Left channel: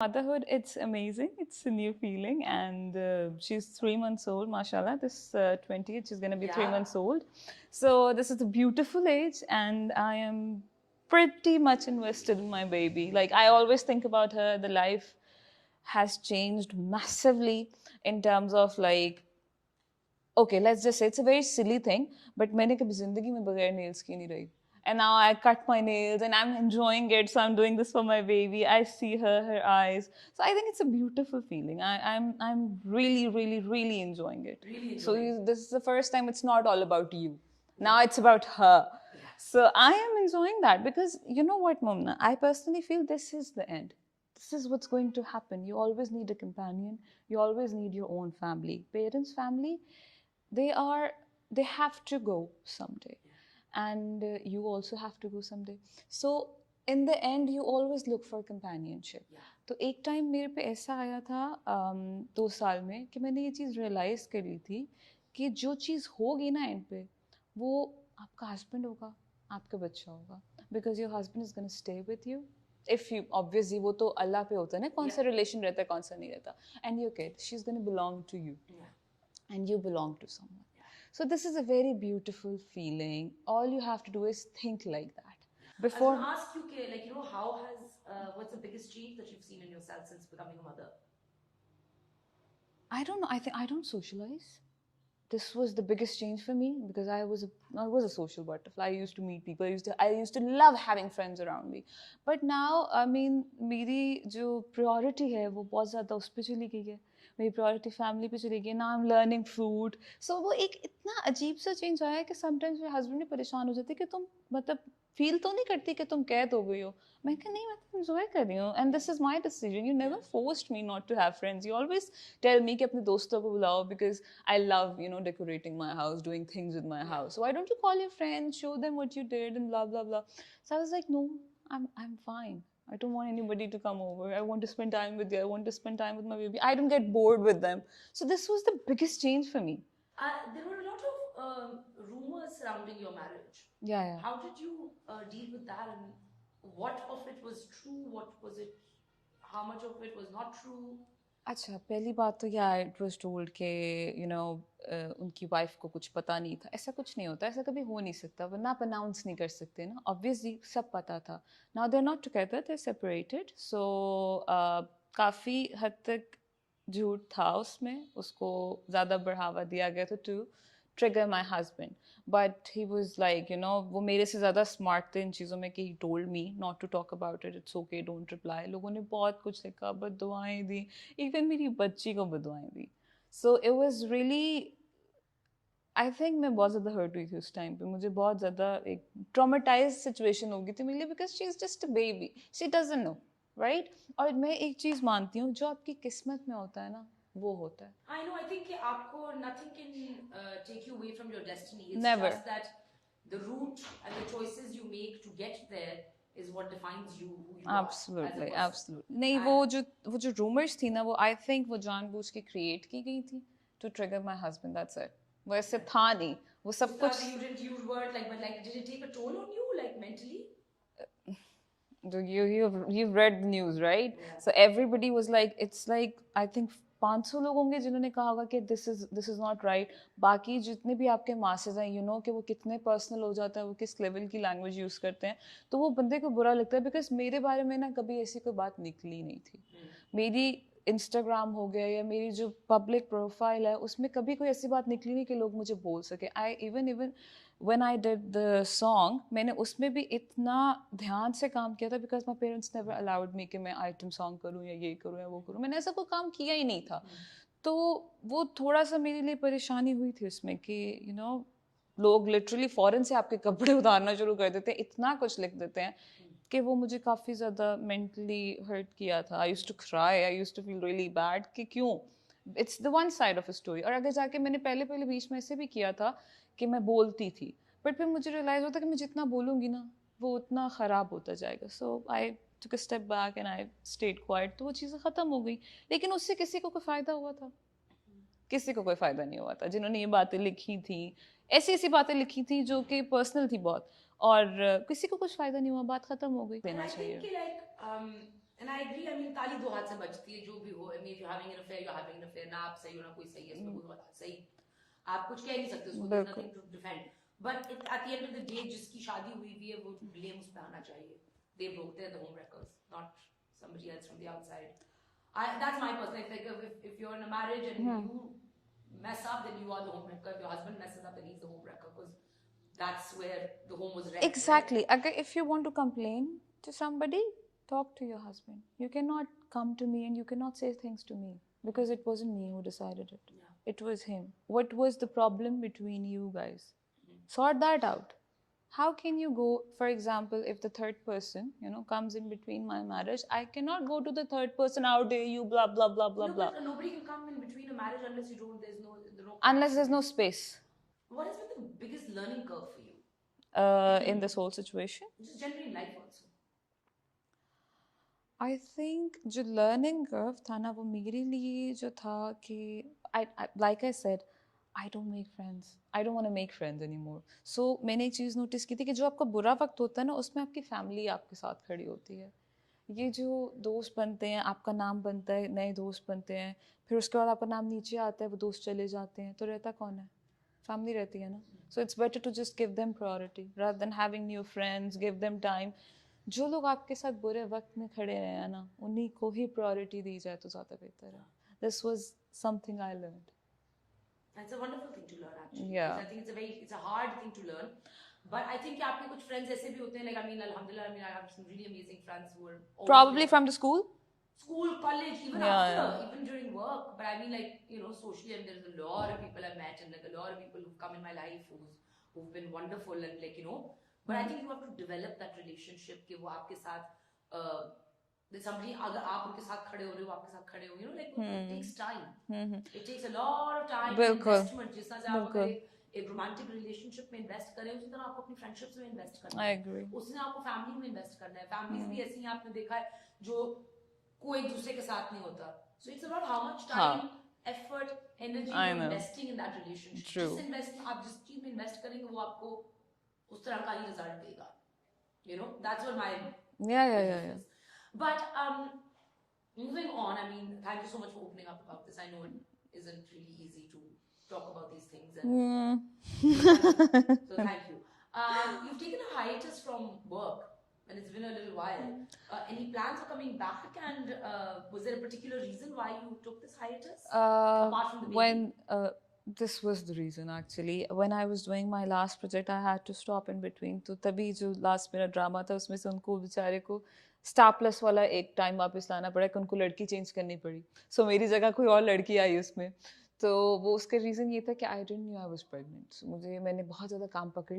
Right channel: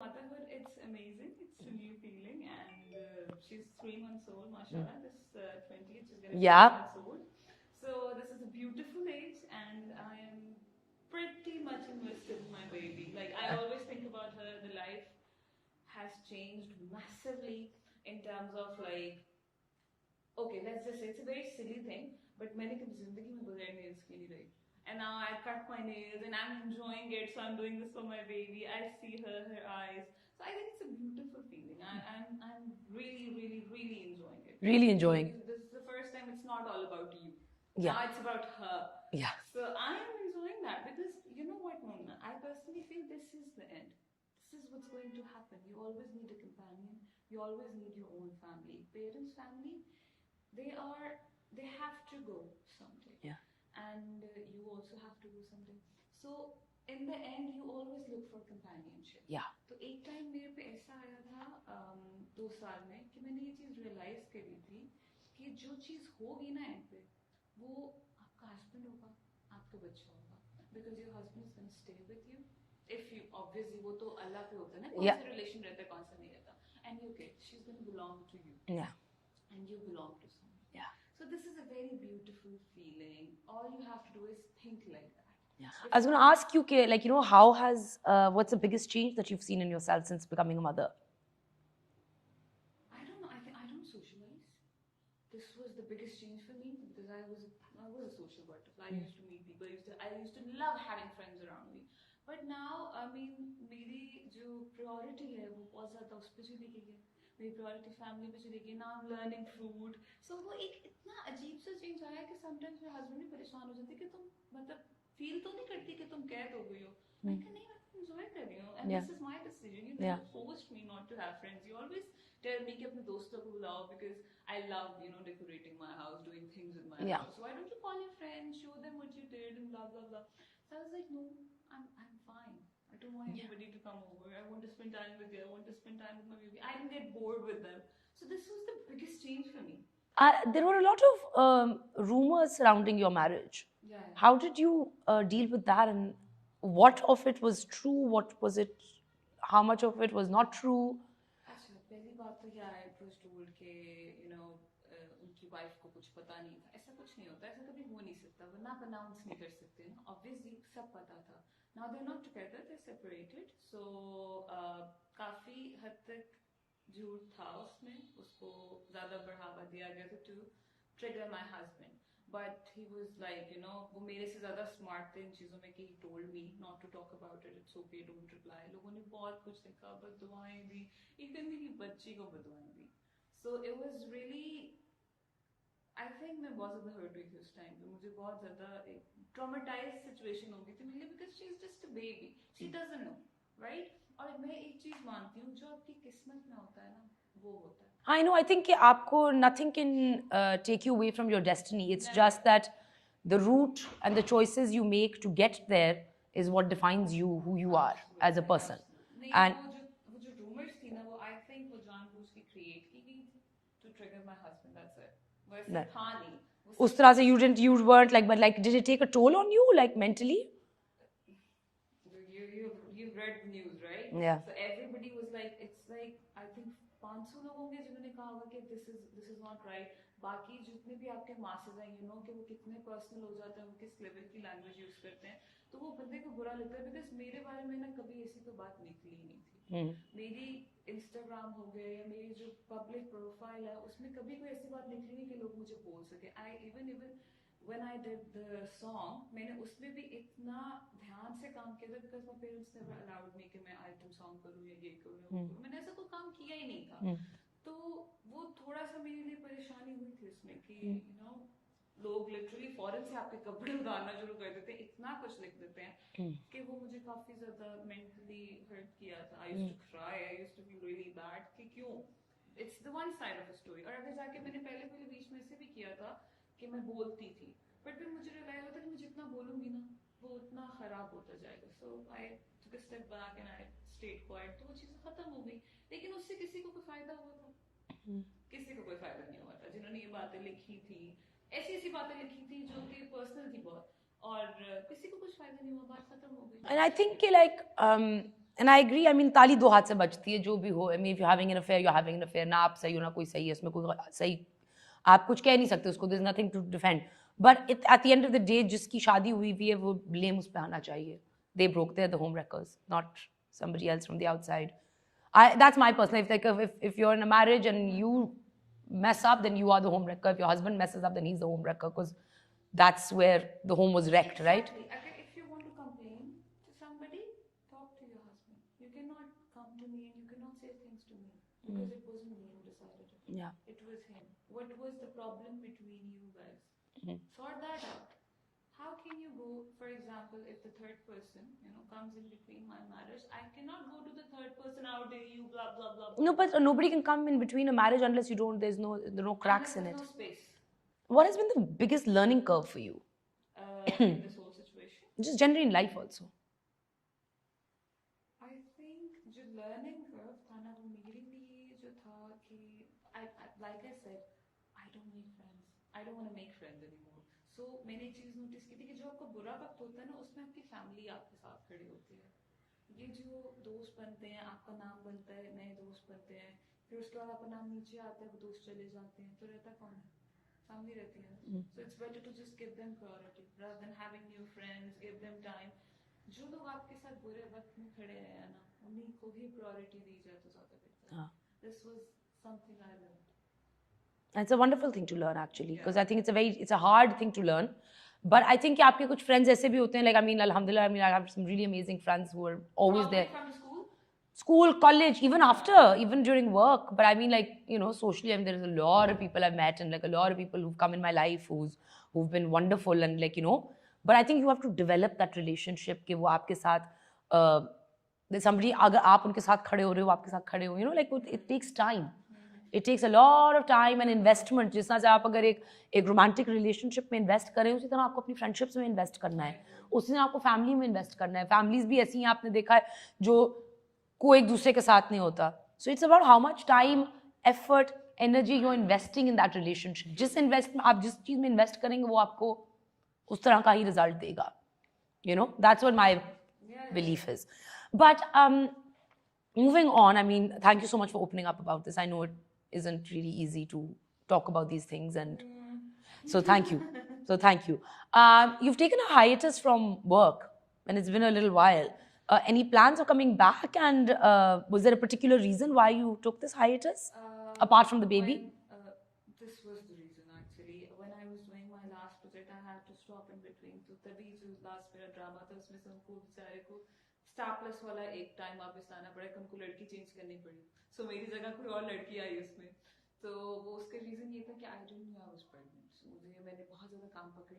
Motherhood, it's amazing. It's a new feeling, and she's 3 months old, mashallah. This 20th, she's gonna be 3 months old. So this is a beautiful age, and I am pretty much invested in my baby. Like I always think about her. The life has changed massively in terms of like, okay, let's just say it's a very silly thing, but मैंने कभी जिंदगी में बगैर nails की नहीं रही. And now I cut my nails and I'm enjoying it. So I'm doing this for my baby. I see her eyes. So I think it's a beautiful feeling. I'm really, really, really enjoying it. Really enjoying. So this is the first time it's not all about you. Yeah. Now it's about her. Yeah. So I am enjoying that because you know what, Momna? I personally feel this is the end. This is what's going to happen. You always need a companion. You always need your own family. Parents' family, they have to go someday. Yeah. And you also have to go someday. So in the end you always look for companionship. Yeah. तो एक time मेरे पे ऐसा आया था 2 साल में कि मैंने ये चीज़ रियलाइज़ करी थी कि जो चीज़ होगी ना एंड पे वो आपका हस्बैंड होगा, आपका बच्चा होगा, because your husband is gonna stay with you. If you obviously वो तो अल्लाह पे होता है ना, कौन सा रिलेशन रहता है कौन सा नहीं रहता. And your kid, she is gonna belong to you. And you belong to someone. Yeah. So this is a very beautiful feeling. All you have to do is think like that. Yeah. I was going to ask you, like, you know, how has, what's the biggest change that you've seen in yourself since becoming a mother? I don't know. I think I don't socialize. This was the biggest change for me because I was a social butterfly. I used to meet people. I used to love having friends around me. But now, I mean, मेरी जो priority है वो बहुत ज़्यादा उस पे चली गई है. मेरी प्रायोरिटी फैमिली पे चली गई. ना आई एम लर्निंग फूड. सो वो एक इतना अजीब सा चेंज आया कि समटाइम्स मेरे हस्बैंड भी परेशान हो जाते कि तुम मतलब फील तो नहीं करती कि तुम कैद हो गई हो. मैं कहा नहीं, मैं तो एंजॉय कर रही हूँ and this is my decision. You never forced me not to have friends. You always tell me कि अपने दोस्तों को बुलाओ because I love you know decorating my house, doing things with my house. So why don't you call your friends, show them what you did and blah blah blah. So I was like no, I'm fine. I don't want anybody to come over. I want to spend time with you. I want to spend time with my baby. I don't get bored with them. So this was the biggest change for me. There were a lot of rumors surrounding your marriage. Yeah. How did you deal with that, and what of it was true? What was it? How much of it was not true? अच्छा, पहली बात तो it was told कि you know उनकी wife को कुछ पता नहीं था. ऐसा कुछ नहीं होता, ऐसा कभी हो नहीं सकता. वो ना अनाउंस नहीं कर सकते ना. ऑब्वियसली सब पता था. Now they are not together, they are separated. So काफ़ी हद तक झूठ था उसमें. उसको ज़्यादा बढ़ावा दिया गया था to trigger my husband. But he was like you know, वो मेरे से ज़्यादा स्मार्ट थे इन चीज़ों में कि he told me not to talk about it. It's okay, don't reply. लोगों ने बहुत कुछ लिखा, बददुआएं दी, इवन मेरी बच्ची को बददुआएं दी. So it was really, I think मैं बहुत ज़्यादा हर्ट हुई थी उस टाइम पे. मुझे बहुत ज़्यादा एक ट्रॉमेटाइज सिचुएशन हो गई थी मेरे लिए because she is just a baby, she doesn't know, right. और मैं एक चीज़ मानती हूँ, जो आपकी किस्मत में होता है ना वो होता है. I know. I think कि आपको nothing can take you away from your destiny. It's Never. just that the route and the choices you make to get there is what defines you, who you Absolutely, are as a person. Absolutely. नहीं, वो जो rumors थी ना, वो I think वो जानबूझ के create की गई थी to trigger my husband. That's it. वो ऐसे था नहीं. वो सब उस तरह से you weren't like, but like, did it take a toll on you, like mentally? You've read the news, right? Yeah. So everybody was like, it's like I think 500 लोग होंगे जिन्होंने कहा होगा कि this is not right. बाकी जितने भी आपके masses हैं, you know कि वो कितने personal हो जाता है, वो किस level की language use करते हैं, तो वो बंदे को बुरा लगता है. because मेरे बारे में ना कभी ऐसी कोई बात निकली नहीं थी. मेरी Instagram हो गया या मेरी जो public profile है उसमें कभी कोई ऐसी बात निकली नहीं कि लोग मुझे बोल सके. I even when I did the song, मैंने उसमें भी इतना ध्यान से काम किया था because my parents never allowed me कि मैं item song करूँ या ये करूँ या वो करूँ. मैंने ऐसा कोई काम किया ही नहीं था. तो वो थोड़ा सा मेरे लिए परेशानी हुई थी उसमें कि you know लोग literally foreign से आपके कपड़े उतारना शुरू कर देते हैं, इतना कुछ लिख देते हैं कि वो मुझे काफ़ी ज़्यादा mentally hurt किया था. I used to cry, I used to feel really bad कि क्यों. It's the one side of a story. और अगर जाके मैंने पहले बीच में ऐसे भी किया था कि मैं बोलती थी, बट फिर मुझे रियलाइज होता कि मैं जितना बोलूँगी ना वो उतना ख़राब होता जाएगा. So I took a step back and I stayed quite. तो वो चीज़ें ख़त्म हो गई. लेकिन उससे किसी को कोई फ़ायदा हुआ था? किसी को कोई फ़ायदा नहीं हुआ था. जिन्होंने ये बातें लिखी थी, ऐसी बातें लिखी थी जो कि पर्सनल थी बहुत, और किसी को कुछ फ़ायदा नहीं हुआ. बात ख़त्म हो गई. And I think like And I agree. I mean, ताली दो हाथ से बजती है, जो भी हो. I mean, if you're having an affair, you're having an affair. ना आप सही हो, ना कोई सही है. इसमें कोई सही, आप कुछ कह नहीं सकते उसको. There's nothing to defend. But at the end of the day, जिसकी शादी हुई भी है, वो blame उस पे आना चाहिए. They broke, they're the home wreckers, not somebody else from the outside. That's my personal. If you're in a marriage and you mess up, then you are the home wrecker. If your husband messes up, then he's the home wrecker, because that's where the home was wrecked, Exactly. right? If you want to complain to somebody, talk to your husband. You cannot come to me and you cannot say things to me, because it wasn't me who decided it. Yeah. It was him. What was the problem between you guys? Sort that out. How can you go, for example, if the third person, comes in between my marriage, I cannot go to the third person, how dare you, blah, blah, blah, blah, No, blah. but nobody can come in between a marriage unless there's no cracks Unless there's in no it. space What has been the biggest learning curve for you? in this whole situation. Just generally in life also. I think जो learning curve था ना, वो मेरे लिए जो था कि like I said, I don't make friends. I don't want to make friends anymore. So मैंने एक चीज़ नोटिस की थी कि जो आपका बुरा वक्त होता है ना, उसमें आपकी फैमिली आपके साथ खड़ी होती है. ये जो दोस्त बनते हैं, आपका नाम बनता है, नए दोस्त बनते हैं, फिर उसके बाद आपका नाम नीचे आता है, वो दोस्त चले जाते हैं, तो रहता कौन है? फैमिली रहती है ना. So it's better to just give them priority rather than having new friends. Give them time. जो लोग आपके साथ बुरे वक्त में खड़े रहे हैं ना, उन्हीं को ही प्रायोरिटी दी जाए तो ज़्यादा बेहतर है. This was something I learned. And it's a wonderful thing to learn, actually, because Yeah. I think it's a hard thing to learn. But I think कि आपके कुछ friends ऐसे भी होते हैं, like, I mean, alhamdulillah, I mean, I have some really amazing friends who are always Probably there. from the school? School, college, even Yeah. after, even during work. But I mean, like, socially, I mean, there's a lot of people I've met, and like a lot of people who've come in my life who've been wonderful, and like, but I think you have to develop that relationship कि वो आपके साथ there's somebody, अगर आप उनके साथ खड़े हो रहे हो, आपके साथ खड़े हो, like it takes time. It takes a lot of time and investment. जिस तरह से आप अगर एक romantic relationship में invest करें, उसी तरह आपको अपनी friendships में invest करना है. उसी तरह आपको family में invest करना है. Families भी ऐसी हैं, आपने देखा है, जो कोई एक दूसरे के साथ नहीं होता. So it's about how much time, effort, energy you're investing in that relationship. आप जिस चीज में invest करेंगे, वो आपको उस तरह का ही result देगा. That's what my belief is. But moving on, I mean, thank you so much for opening up about this. I know it isn't really easy to talk about these things, and so thank you. So thank you. You've taken a hiatus from work, and it's been a little while. Any plans of coming back? And was there a particular reason why you took this hiatus, apart from the baby? This was the reason, actually. When I was doing my last project, I had to stop in between. तो तभी जो last मेरा drama था, उसमें से उनको बेचारे को स्टार प्लस वाला एक टाइम वापस लाना पड़ा कि उनको लड़की चेंज करनी पड़ी. सो मेरी जगह कोई और लड़की आई उसमें. तो वो उसका रीज़न ये था कि I didn't know I was pregnant. मैंने बहुत ज़्यादा काम पकड़